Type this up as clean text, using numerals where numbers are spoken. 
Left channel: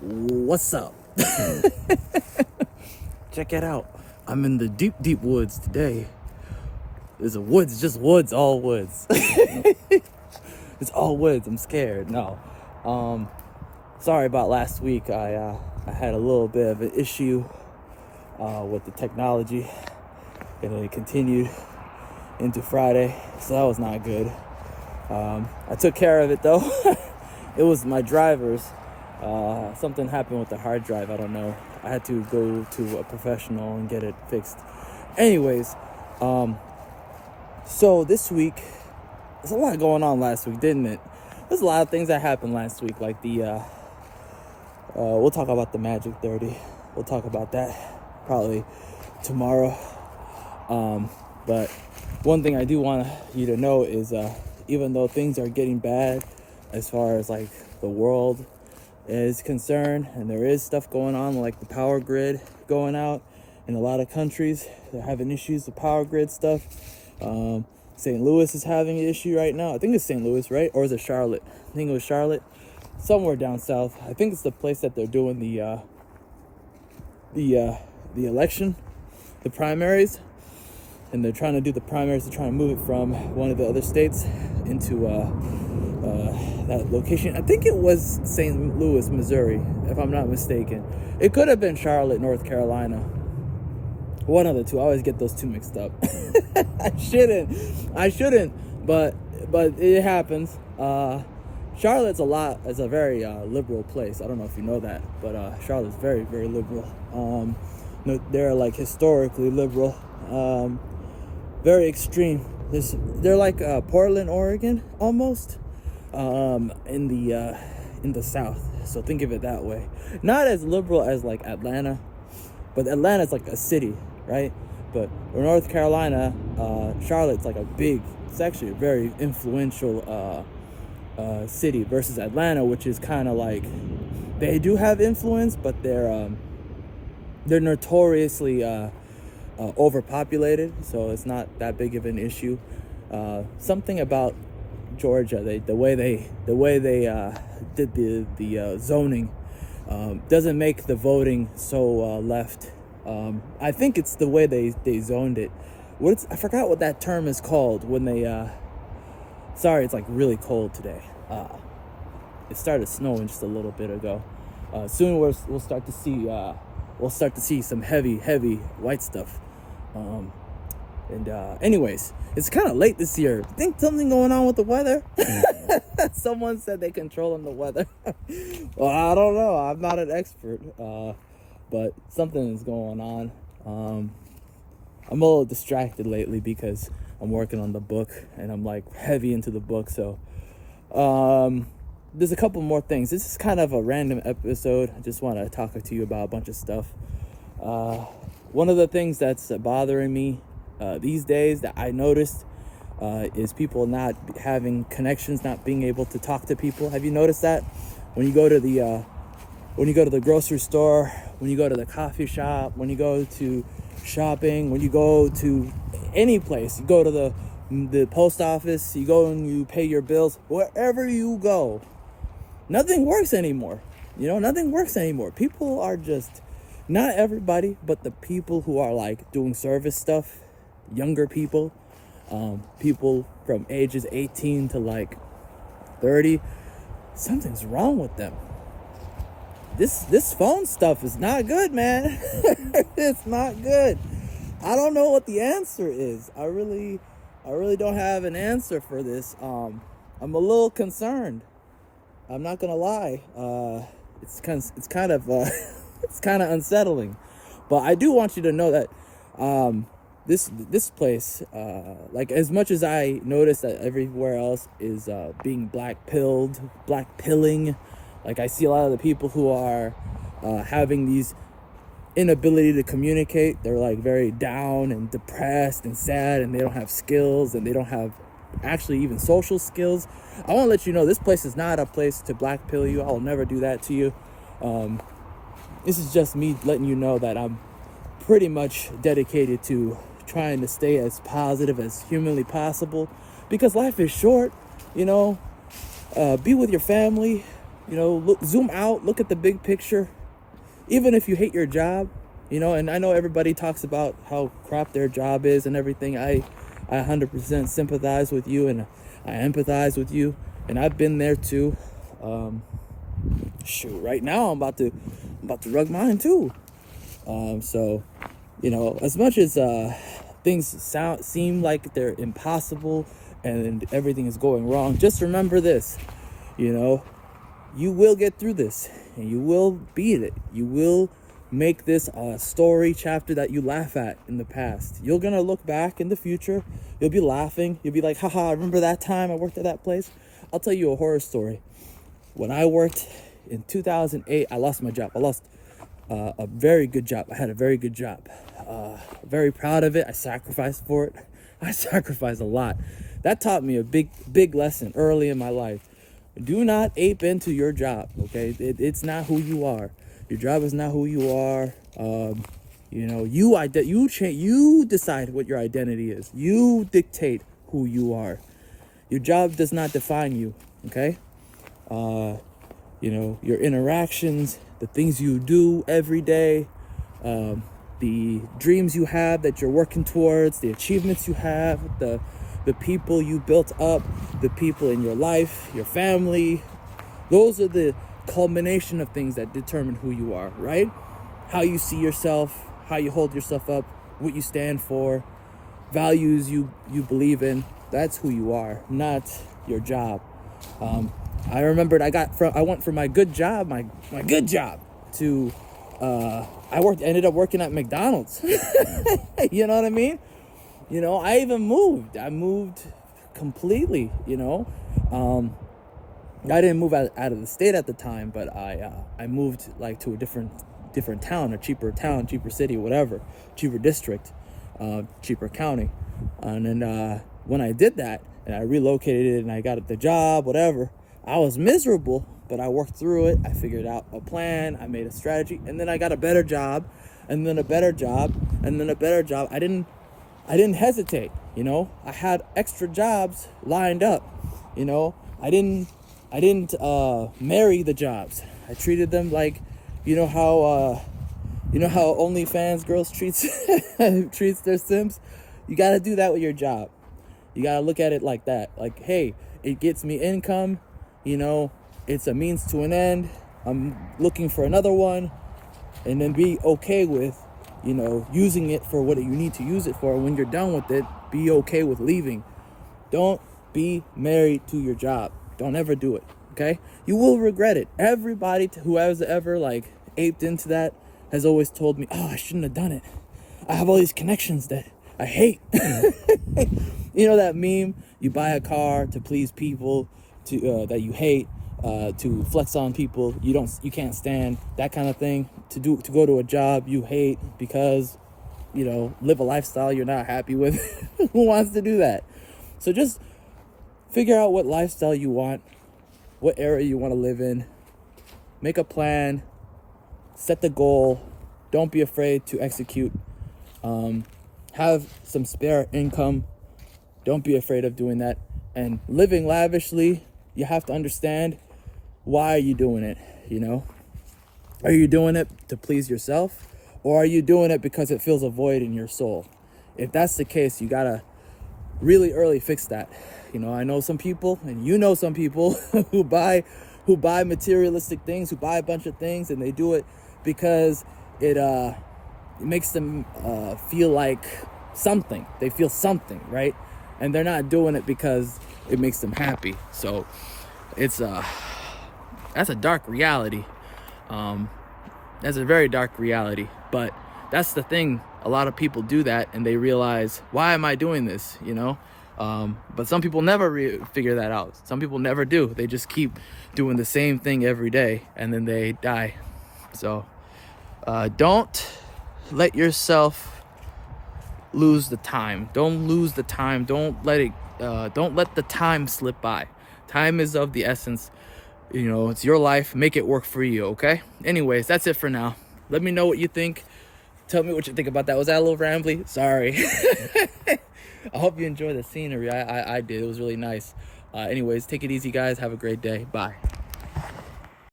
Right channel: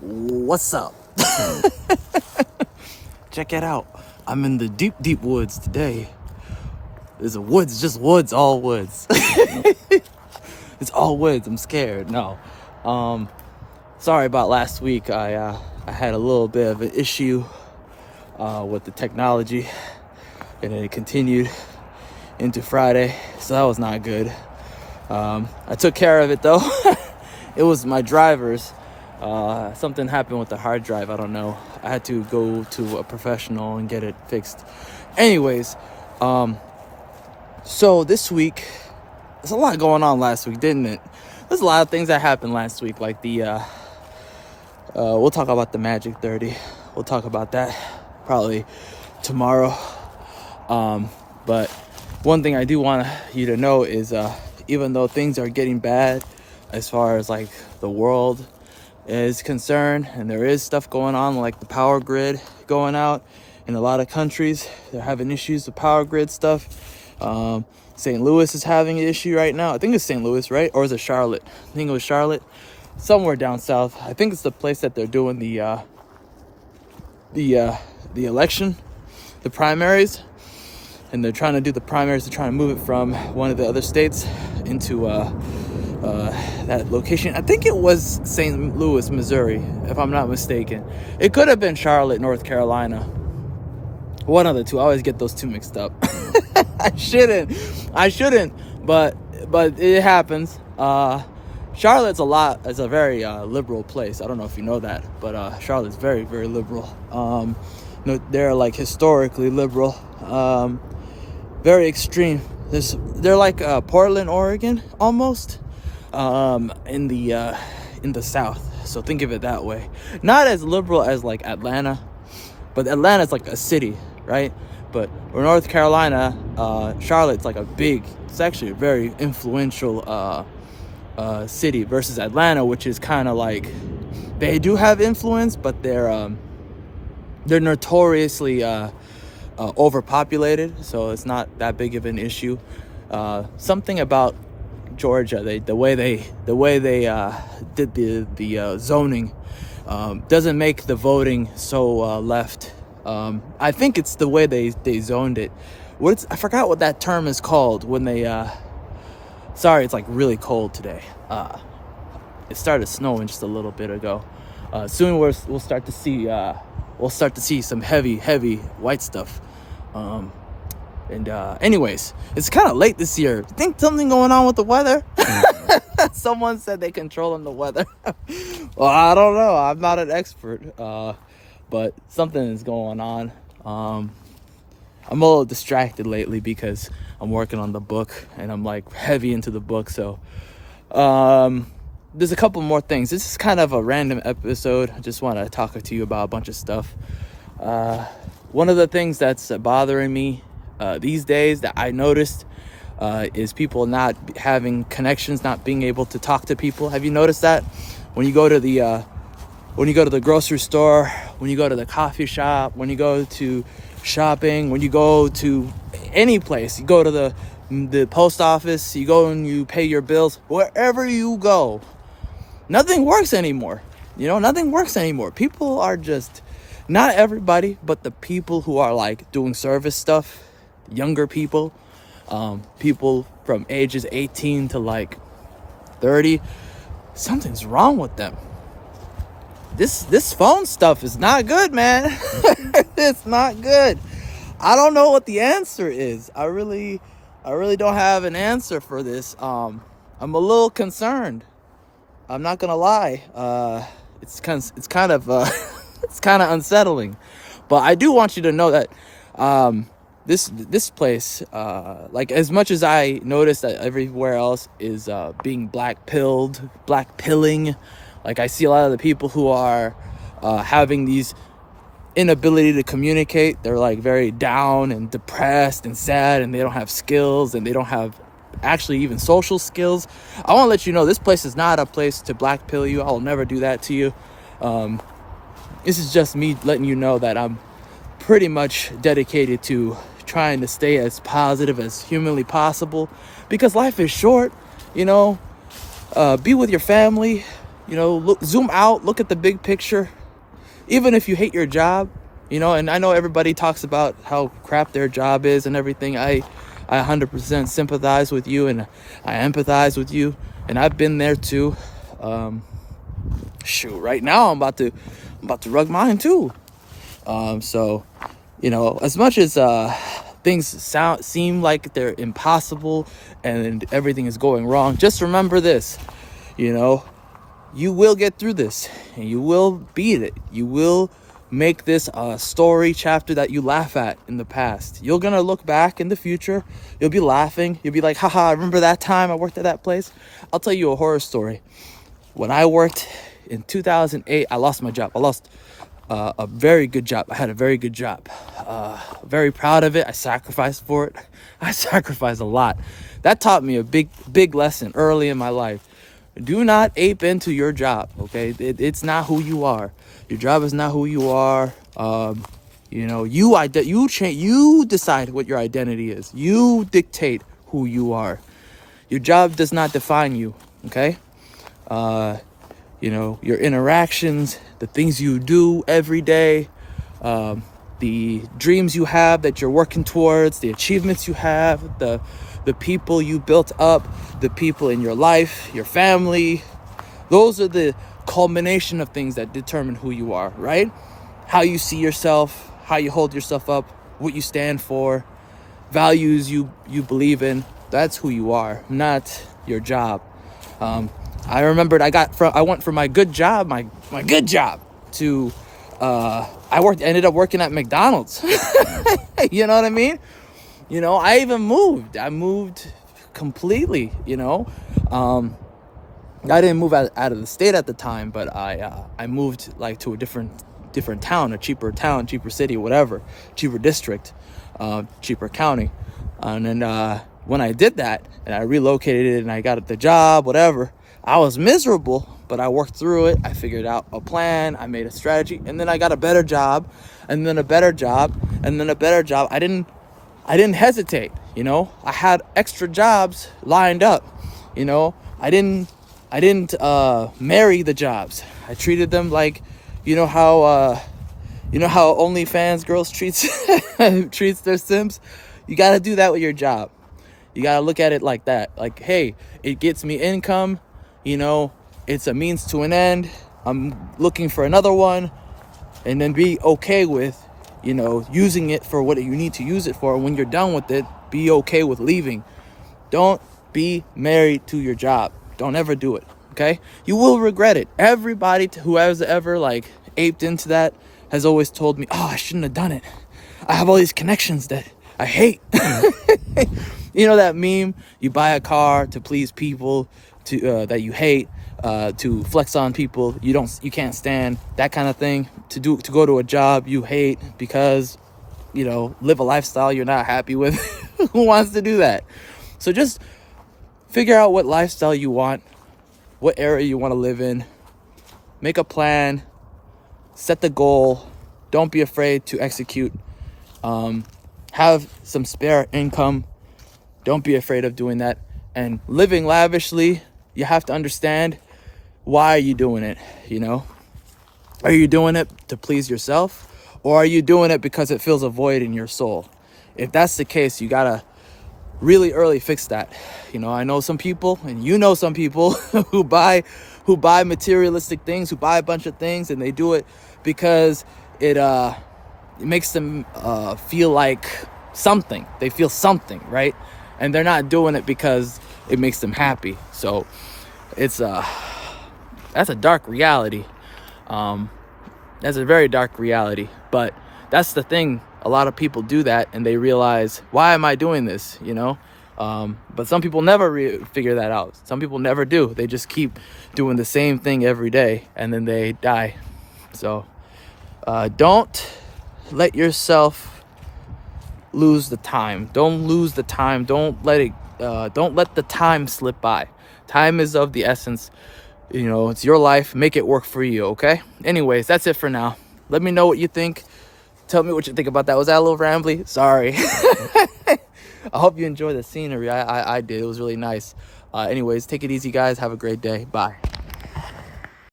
What's up? Check it out. I'm in the deep woods today. There's a woods, just woods, all woods. It's all woods. I'm scared. No. Sorry about last week. I had a little bit of an issue with the technology, and it continued into Friday, so that was not good. I took care of it though. It was my driver's. Something happened with the hard drive. I don't know. I had to go to a professional and get it fixed. Anyways, so this week, there's a lot going on last week, didn't it? There's a lot of things that happened last week, like the, we'll talk about the Magic 30. We'll talk about that probably tomorrow. But one thing I do want you to know is, even though things are getting bad as far as like the world is concerned, and there is stuff going on like the power grid going out in a lot of countries, they're having issues with power grid stuff. St. Louis is having an issue right now. I think it's St. Louis, right? Or is it Charlotte? I think it was Charlotte, somewhere down south. I think it's the place that they're doing the election, the primaries, and they're trying to do the primaries to try and move it from one of the other states into that location. I think it was St. Louis, Missouri, if I'm not mistaken. It could have been Charlotte, North Carolina. One of the two. I always get those two mixed up. I shouldn't, but it happens. Charlotte's a very liberal place. I don't know if you know that, but Charlotte's very, very liberal. They're like historically liberal, very extreme. They're like Portland, Oregon, almost, in the South. So think of it that way. Not as liberal as like Atlanta, but Atlanta's like a city, right? But North Carolina, Charlotte's like it's actually a very influential city versus Atlanta, which is kind of like, they do have influence, but they're notoriously overpopulated, so it's not that big of an issue. Something about Georgia, the way they did the zoning doesn't make the voting so left. I think it's the way they zoned it. I forgot what that term is called when they. Sorry, it's like really cold today. It started snowing just a little bit ago. Soon we'll start to see some heavy white stuff. Anyways, it's kind of late this year. Think something going on with the weather? Someone said they controlling the weather. Well, I don't know. I'm not an expert, but something is going on. I'm a little distracted lately because I'm working on the book and I'm like heavy into the book. So there's a couple more things. This is kind of a random episode. I just want to talk to you about a bunch of stuff. One of the things that's bothering me these days that I noticed is people not having connections, not being able to talk to people. Have you noticed that? When you go to the grocery store, when you go to the coffee shop, when you go to shopping, when you go to any place, you go to the post office, you go and you pay your bills, wherever you go, nothing works anymore. Nothing works anymore. People are just, not everybody, but the people who are like doing service stuff, younger people, people from ages 18 to like 30, something's wrong with them. This phone stuff is not good, man. It's not good. I don't know what the answer is. I really don't have an answer for this. I'm a little concerned. I'm not gonna lie. It's kind of unsettling. But I do want you to know that this place, like as much as I notice that everywhere else is being black pilling. Like I see a lot of the people who are having these inability to communicate. They're like very down and depressed and sad, and they don't have skills, and they don't have actually even social skills. I want to let you know this place is not a place to black pill you. I will never do that to you. This is just me letting you know that I'm pretty much dedicated to trying to stay as positive as humanly possible, because life is short. Be with your family, zoom out, look at the big picture. Even if you hate your job, and I know everybody talks about how crap their job is and everything. I 100% sympathize with you, and I empathize with you, and I've been there too. Right now I'm about to rug mine too. So, as much as things seem like they're impossible and everything is going wrong, just remember this, you will get through this, and you will beat it. You will make this a story chapter that you laugh at in the past. You're gonna look back in the future, you'll be laughing, you'll be like, haha, I remember that time I worked at that place. I'll tell you a horror story. When I worked in 2008, I lost my job. I lost a very good job. I had a very good job. Very proud of it. I sacrificed for it. I sacrificed a lot. That taught me a big lesson early in my life. Do not ape into your job, okay? It's not who you are. Your job is not who you are. You decide what your identity is. You dictate who you are. Your job does not define you, okay? Your interactions, the things you do every day, the dreams you have that you're working towards, the achievements you have, the people you built up, the people in your life, your family. Those are the culmination of things that determine who you are, right? How you see yourself, how you hold yourself up, what you stand for, values you believe in. That's who you are, not your job. I remembered I went from my good job, my good job, to ended up working at McDonald's. You know what I mean? I even moved. I moved completely, I didn't move out of the state at the time, but I moved like to a different town, a cheaper town, cheaper city, whatever, cheaper district, cheaper county. And then when I did that and I relocated and I got the job, whatever, I was miserable, but I worked through it. I figured out a plan. I made a strategy, and then I got a better job, and then a better job, and then a better job. I didn't hesitate. I had extra jobs lined up. I didn't marry the jobs. I treated them like, how OnlyFans girls treats their Sims. You got to do that with your job. You got to look at it like that. Like, hey, it gets me income. It's a means to an end. I'm looking for another one, and then be okay with, using it for what you need to use it for. And when you're done with it, be okay with leaving. Don't be married to your job. Don't ever do it. Okay? You will regret it. Everybody who has ever aped into that has always told me, oh, I shouldn't have done it. I have all these connections that I hate. That meme, you buy a car to please people that you hate, to flex on people you can't stand, that kind of thing, to go to a job you hate because live a lifestyle you're not happy with. Who wants to do that? So just figure out what lifestyle you want, what area you want to live in, make a plan, set the goal, don't be afraid to execute, have some spare income, don't be afraid of doing that. And living lavishly, you have to understand, why are you doing it? Are you doing it to please yourself, or are you doing it because it fills a void in your soul? If that's the case, you gotta really early fix that. I know some people, and some people who buy materialistic things, who buy a bunch of things, and they do it because it makes them feel like something. They feel something, right? And they're not doing it because it makes them happy. So it's that's a dark reality. That's a very dark reality. But that's the thing. A lot of people do that, and they realize, why am I doing this? But some people never figure that out. Some people never do. They just keep doing the same thing every day, and then they die. So don't let yourself lose the time. Don't lose the time. Don't let the time slip by. Time is of the essence. It's your life. Make it work for you, okay? Anyways, that's it for now. Let me know what you think. Tell me what you think about that. Was that a little rambly? Sorry. I hope you enjoyed the scenery. I did. It was really nice. Anyways, take it easy, guys. Have a great day. Bye.